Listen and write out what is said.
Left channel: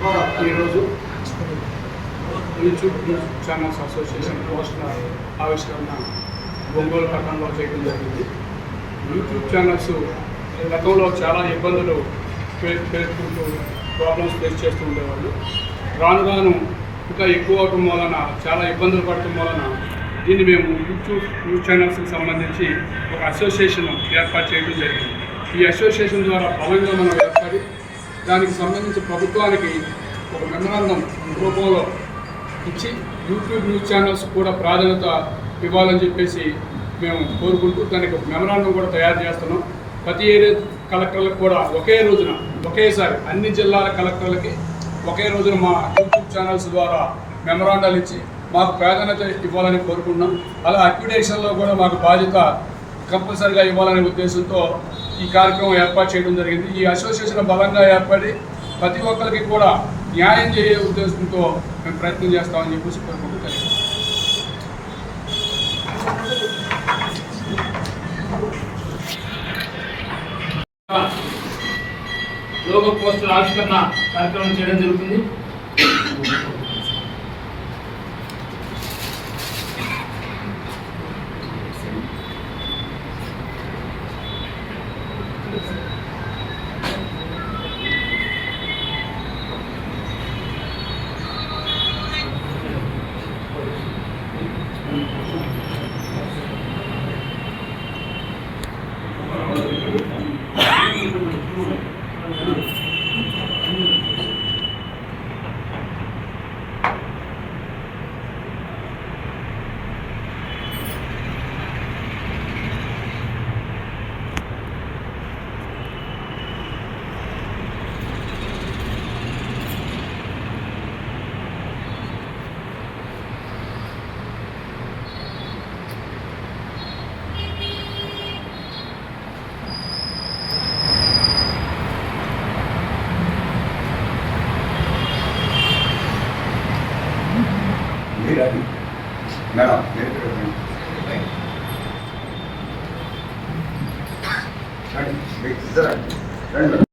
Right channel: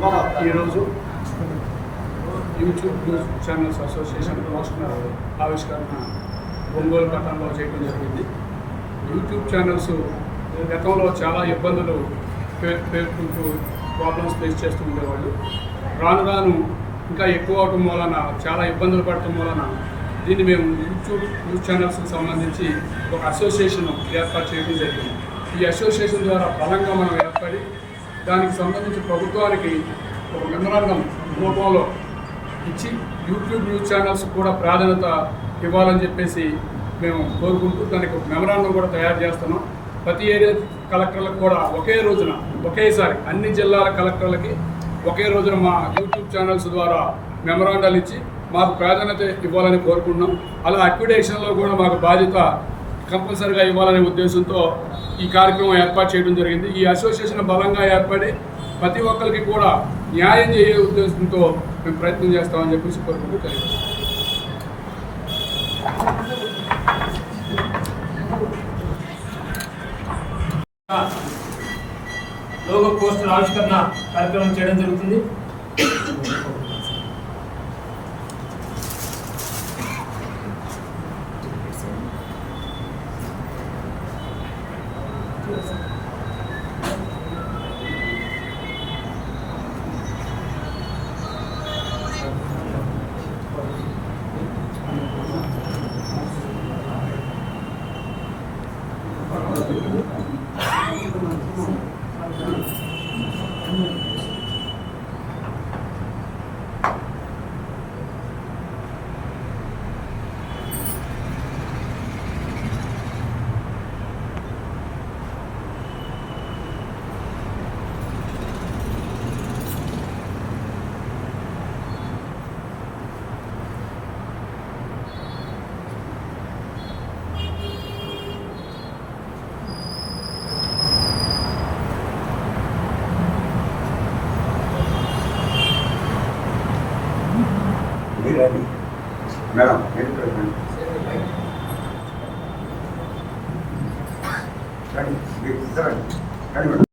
ఈరోజు YouTube news channels association poster ఆవిష్కరణ ఒంగోలు పట్టణంలో చేయడం జరిగింది. యూట్యూబ్ ఛానల్స్ గతంలో చాలా ఇబ్బందులు పేర్కొంటూ ప్రాబ్లమ్స్ ఫేస్ చేస్తూ ఉండేవాళ్ళు. రాను రాను ఇంకా ఎక్కువ అవటం వలన చాలా ఇబ్బందులు పడటం వలన దీన్ని మేము యూట్యూబ్ న్యూస్ ఛానల్స్కి సంబంధించి ఒక అసోసియేషన్ ఏర్పాటు చేయడం జరిగింది. ఈ అసోసియేషన్ ద్వారా బలంగా మనం ఏర్పడి దానికి సంబంధించి ప్రభుత్వానికి ఒక మెమరాండం రూపంలో ఇచ్చి యూట్యూబ్ న్యూస్ ఛానల్స్ కూడా ప్రాధాన్యత ఇవ్వాలని చెప్పేసి మేము కోరుకుంటూ దానికి ఒక మెమరాండం కూడా తయారు చేస్తున్నాం. ప్రతి ఏరియా కలెక్టర్లకు కూడా ఒకే రోజున ఒకేసారి అన్ని జిల్లాల కలెక్టర్లకి ఒకే రోజున మా యూట్యూబ్ ఛానల్స్ ద్వారా మెమరాండాలు ఇచ్చి మాకు ప్రాధాన్యత ఇవ్వాలని కోరుకుంటున్నాం. అలా అక్విడేషన్లో కూడా మాకు బాధ్యత కంపల్సరీగా ఇవ్వాలనే ఉద్దేశంతో ఈ కార్యక్రమం ఏర్పాటు చేయడం జరిగింది. ఈ అసోసియేషన్ బలంగా ఏర్పడి ప్రతి ఒక్కరికి కూడా న్యాయం చేసే ఉద్దేశంతో మేము ప్రయత్నం చేస్తామని చెప్పేసి కోరుకుంటూ తెలియదు. లోగో పోస్టర్ ఆవిష్కరణ కార్యక్రమం చేయడం జరుగుతుంది. మేడం